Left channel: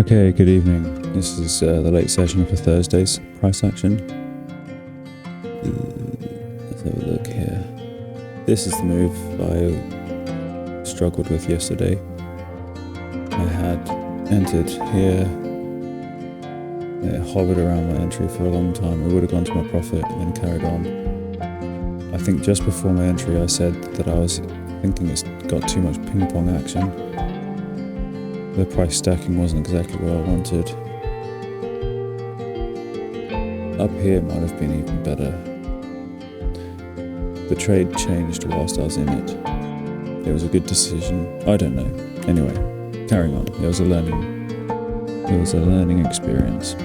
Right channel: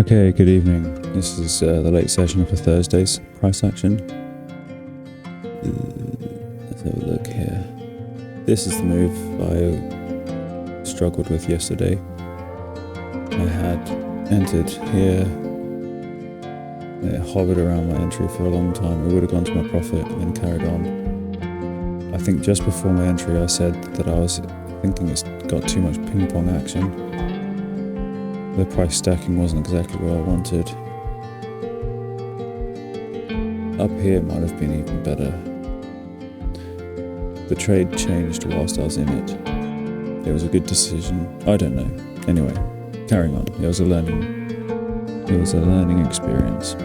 Okay, good evening. This is the late session for Thursday's price action. Let's have a look here. This is the move I struggled with yesterday. I had entered here. It hovered around my entry for a long time. It would have gone to my profit and then carried on. I think just before my entry I said that I was thinking it's got too much ping-pong action. The price stacking wasn't exactly what I wanted. Up here it might have been even better. The trade changed whilst I was in it. It was a good decision. I don't know. Anyway, carrying on. It was a learning experience.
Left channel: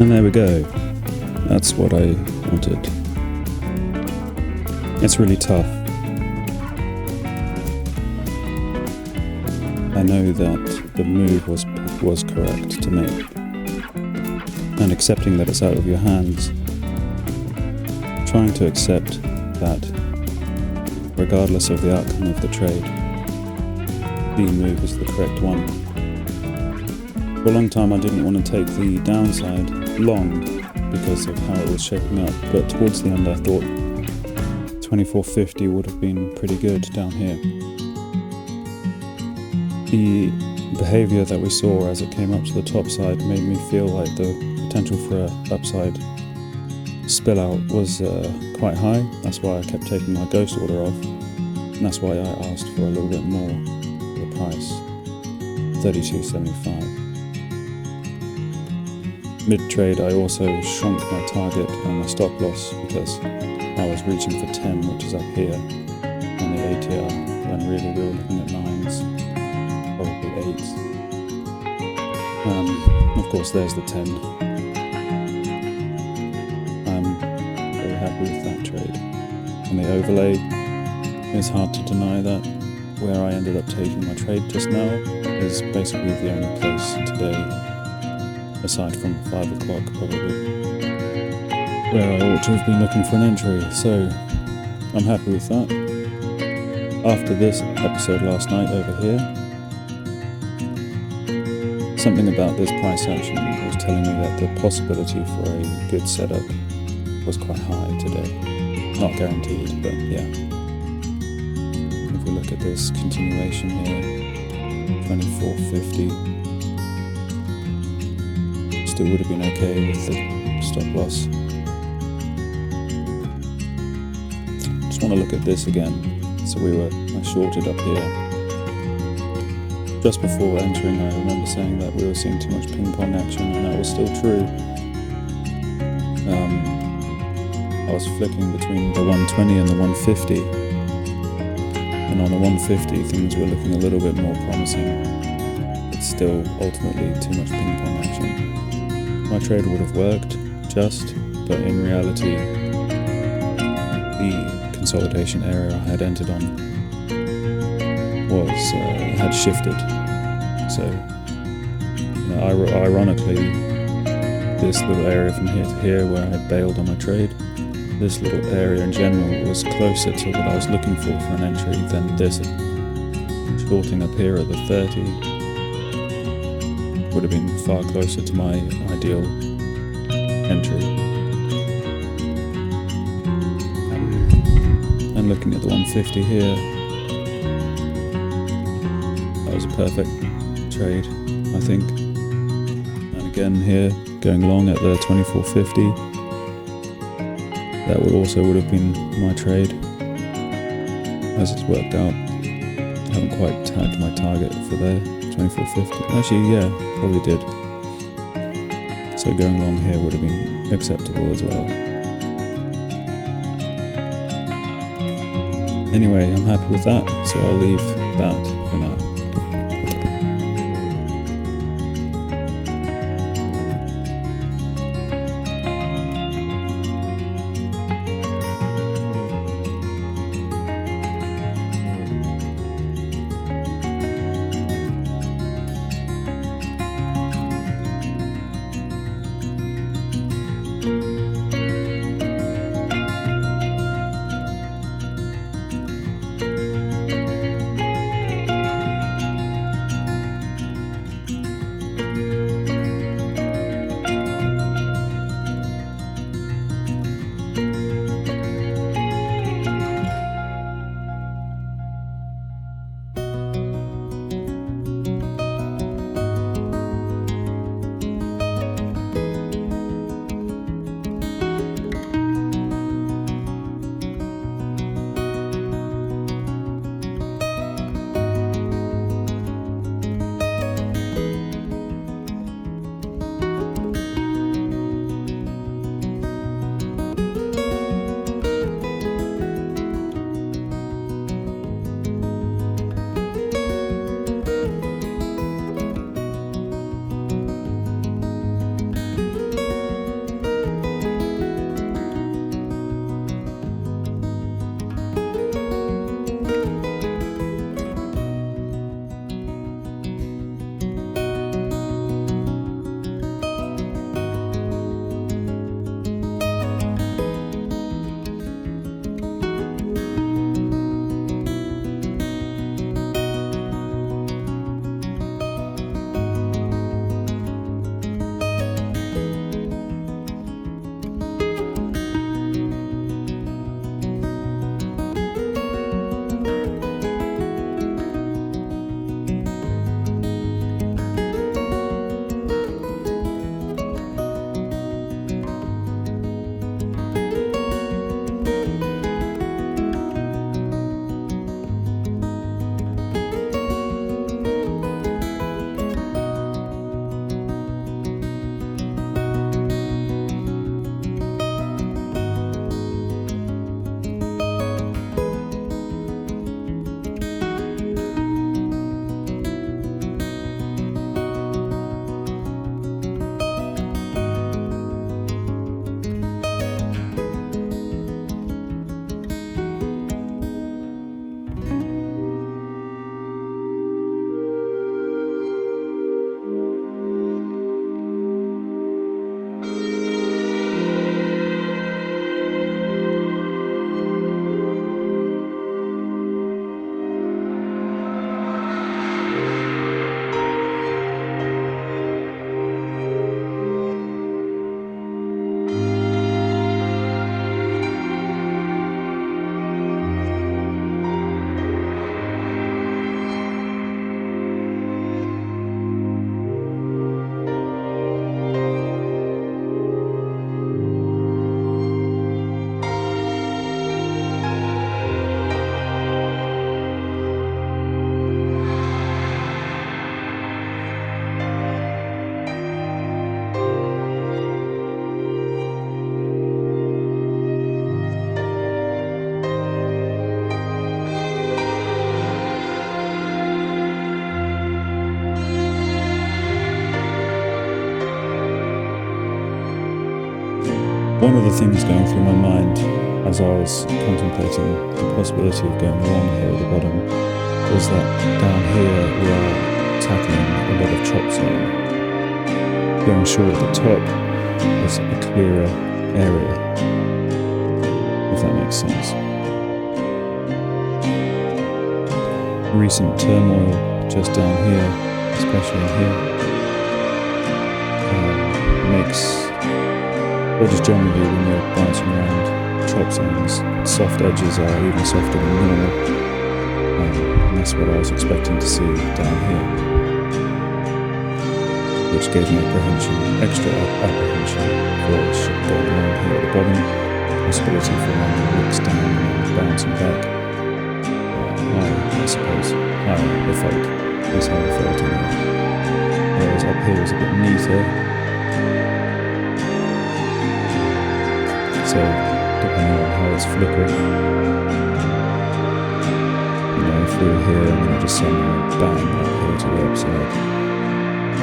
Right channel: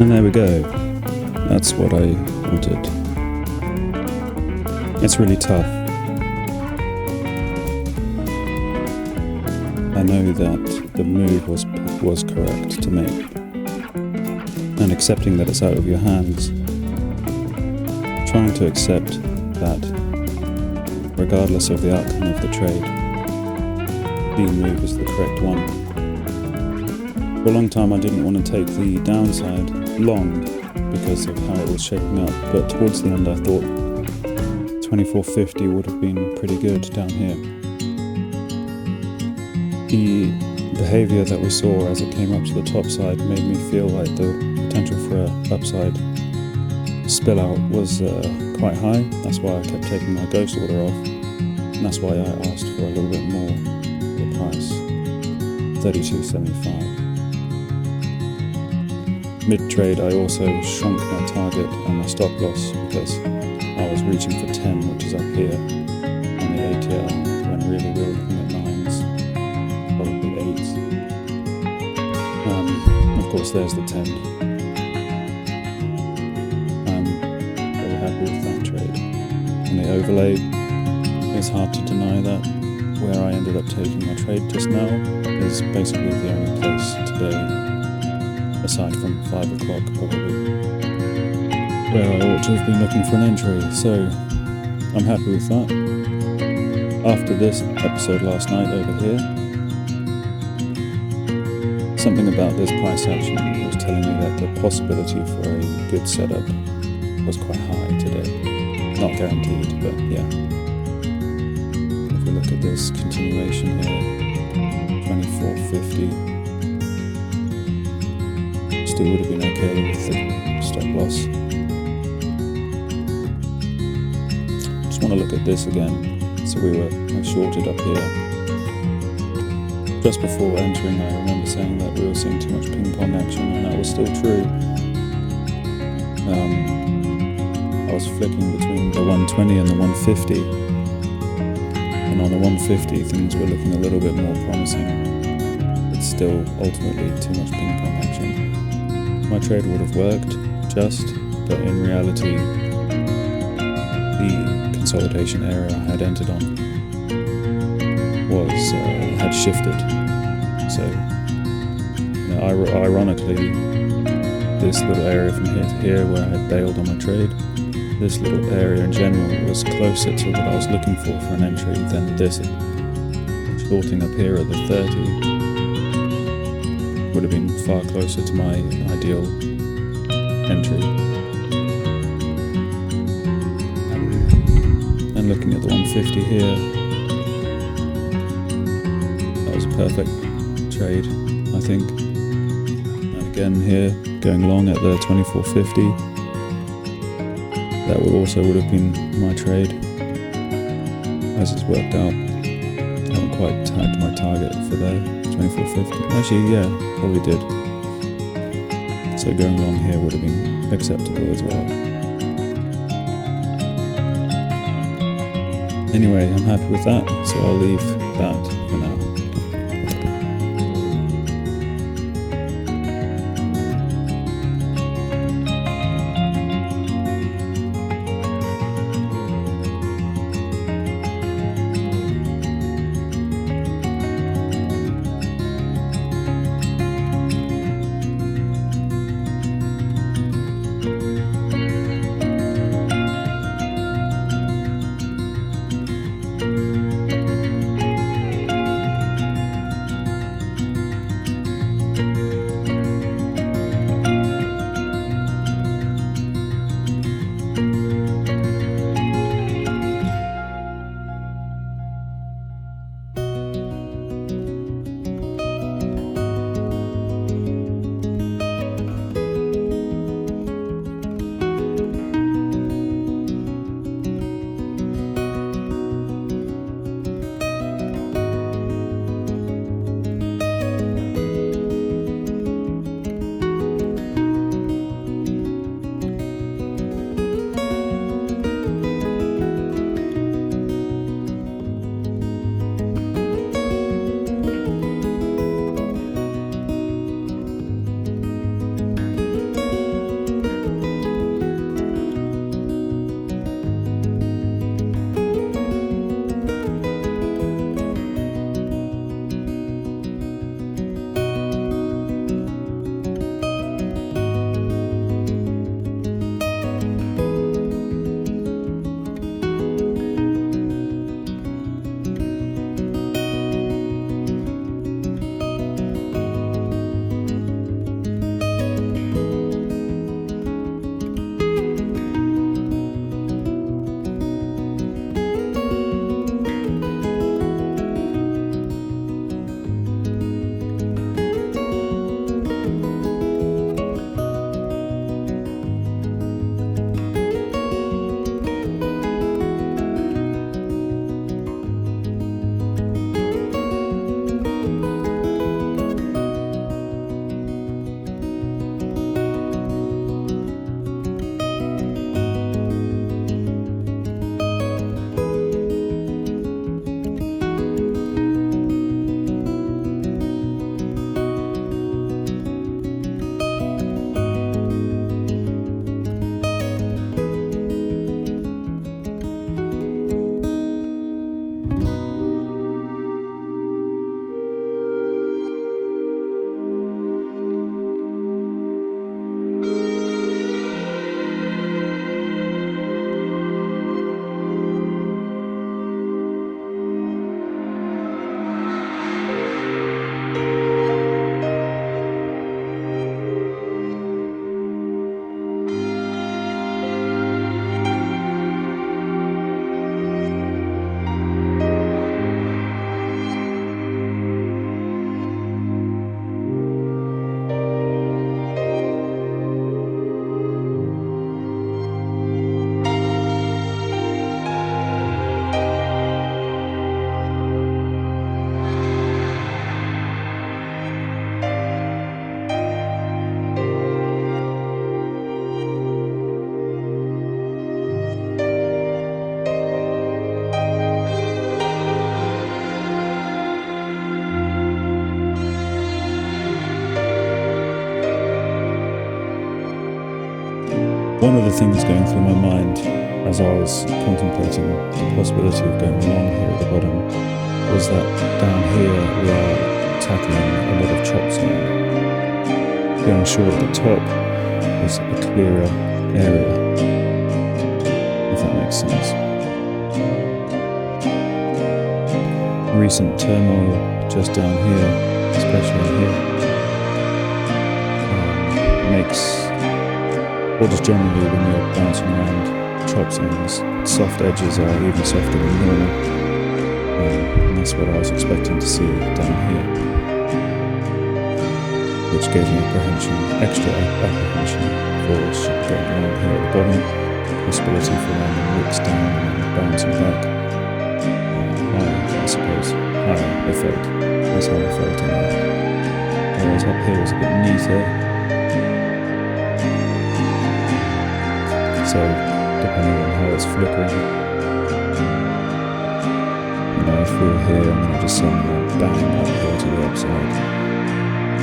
And there we go. That's what I wanted. It's really tough. I know that the move was correct to make. And accepting that it's out of your hands, trying to accept that regardless of the outcome of the trade, the move is the correct one. For a long time I didn't want to take the downside long because of how it was shaping up, but towards the end I thought 2450 would have been pretty good down here. The behaviour that we saw as it came up to the top side made me feel like the potential for a upside spill out was quite high. That's why I kept taking my ghost order off, and that's why I asked for a little bit more for the price, 32.75. Mid-trade I also shrunk my target and my stop loss because I was reaching for 10, which is up here on the ATR, when really we were looking at 9s, probably 8s. Of course there's the 10. I'm very happy with that trade. On the overlay, it's hard to deny that where I ended up taking my trade just now is basically the only place today, aside from 5 o'clock probably, where I ought to have been looking for an entry, so I'm happy with that. After this episode last night over here, something about this price action was telling me that the possibility for a good setup was quite high today. Not guaranteed, but yeah. If we look at this continuation here, 2450, still would have been okay with the stop loss. Just want to look at this again. So I shorted up here. Just before entering, I remember saying that we were seeing too much ping-pong action, and that was still true. I was flicking between the 120 and the 150, and on the 150 things were looking a little bit more promising. It's still ultimately too much ping-pong action. My trade would have worked, but in reality, the consolidation area I had entered on had shifted. So, ironically, this little area from here to here where I had bailed on my trade, this little area in general was closer to what I was looking for an entry than this. Shorting up here at the 30 would have been far closer to my ideal entry. And looking at the 150 here, that was a perfect trade, I think. And again here, going long at the 2450, that would have been my trade. As it's worked out, I haven't quite tagged my target for there, 2450. Actually, yeah, probably did. So going long here would have been acceptable as well. Anyway, I'm happy with that, so I'll leave that for now. One of the things going through my mind as I was contemplating the possibility of going wrong here at the bottom was that down here we are tackling a lot of chop zone. Going short at the top was a clearer area, if that makes sense. Recent turmoil just down here, especially in here, makes, or just generally when you're bouncing around chop zones, soft edges are even softer than normal, and that's what I was expecting to see down here, which gave me extra apprehension for going wrong here at the bottom, possibility for landing wicks down and bouncing back, higher, I suppose, higher, it felt, that's how I felt anyway. Whereas up here is a bit neater. So, depending on how it's flickering, if we were here and then it just suddenly went bang up here to the upside,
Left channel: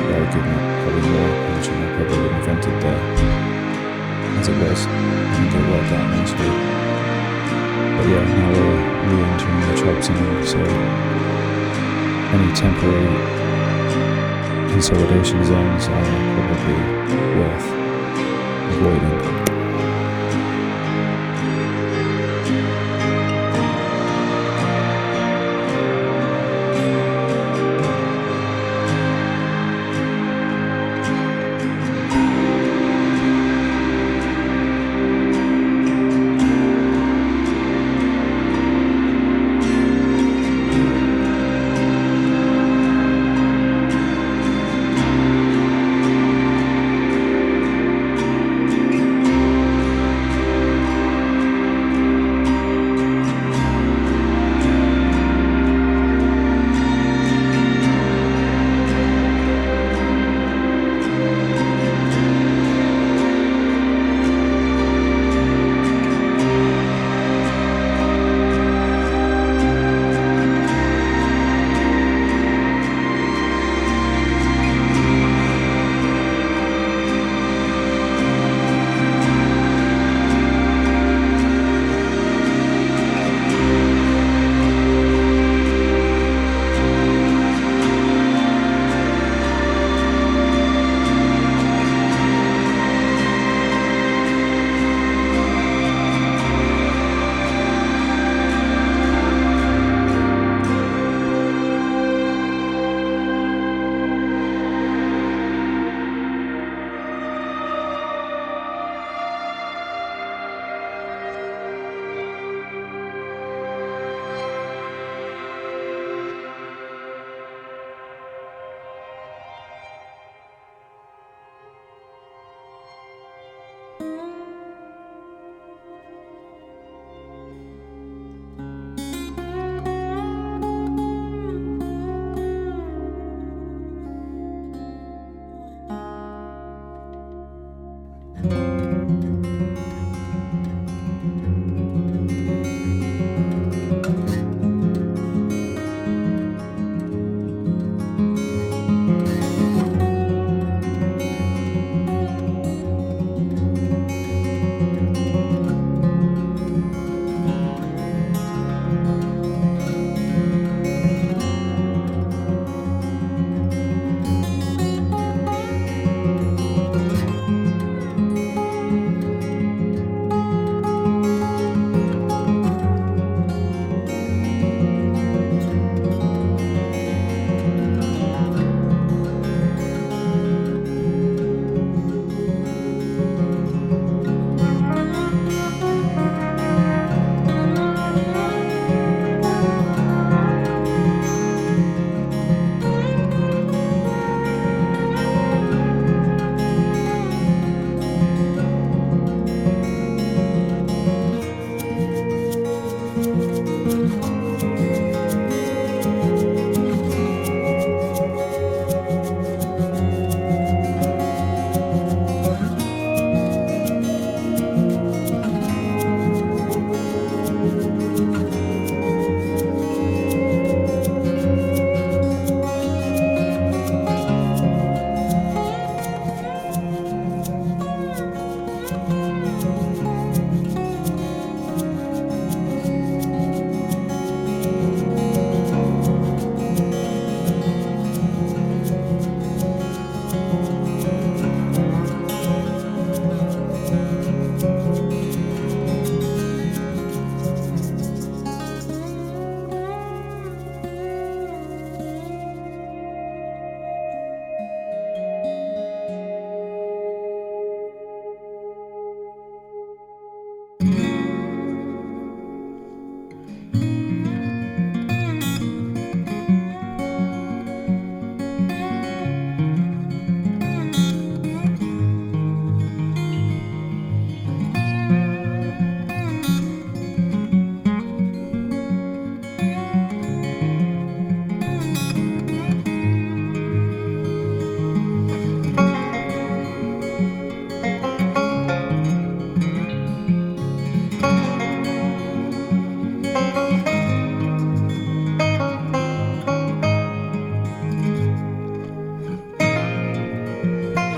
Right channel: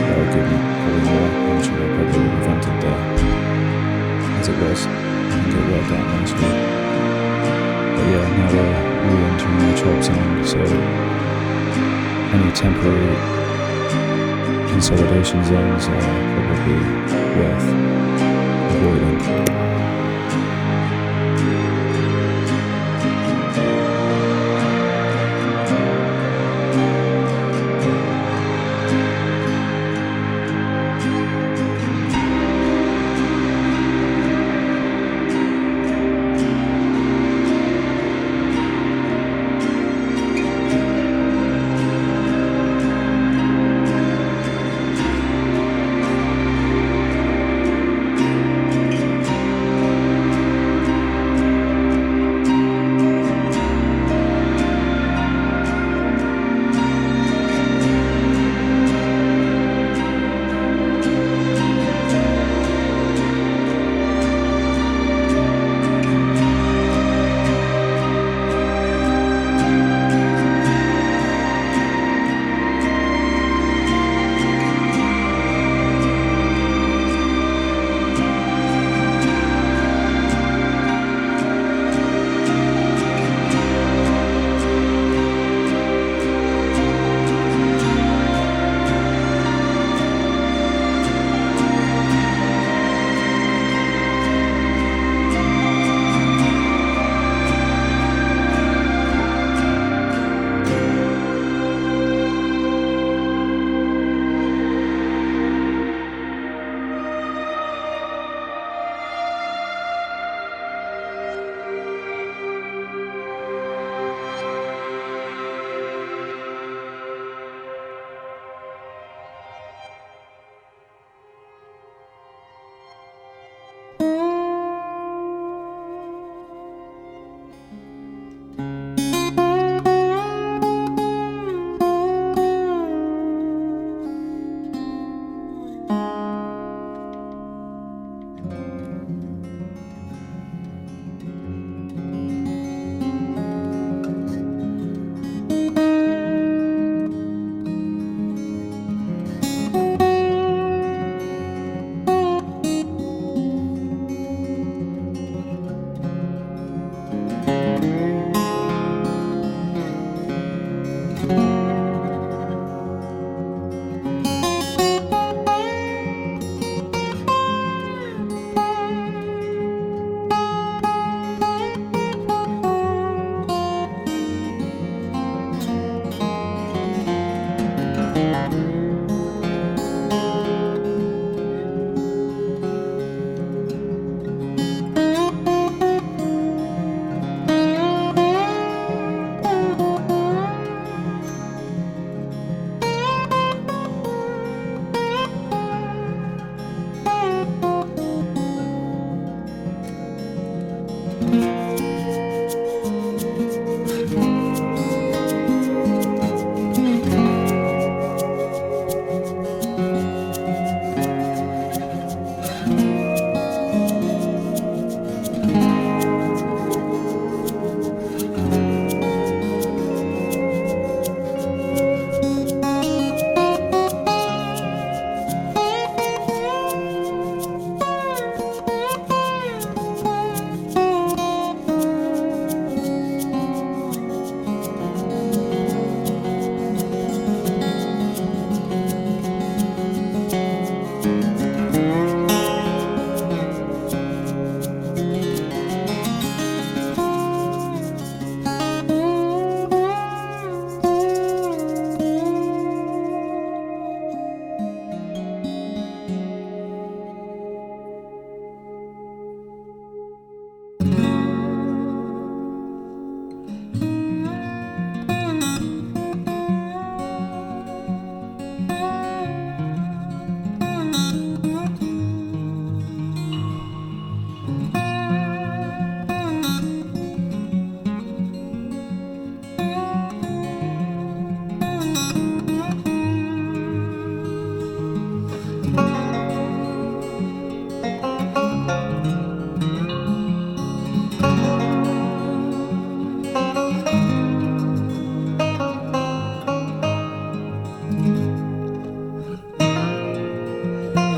that would give me probably more apprehension I probably would have entered there. As it was, I think it worked out nicely. But yeah, now we're re-entering the chop zone, so any temporary consolidation zones are probably worth avoiding.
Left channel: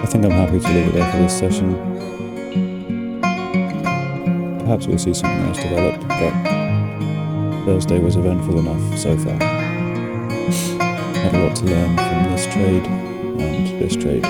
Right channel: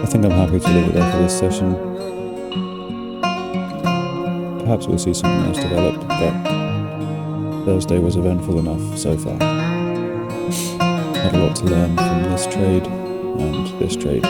I think I'm happy to leave it there for this session. Perhaps we'll see something else develop, but Thursday was eventful enough so far. Had a lot to learn from this trade and this trade.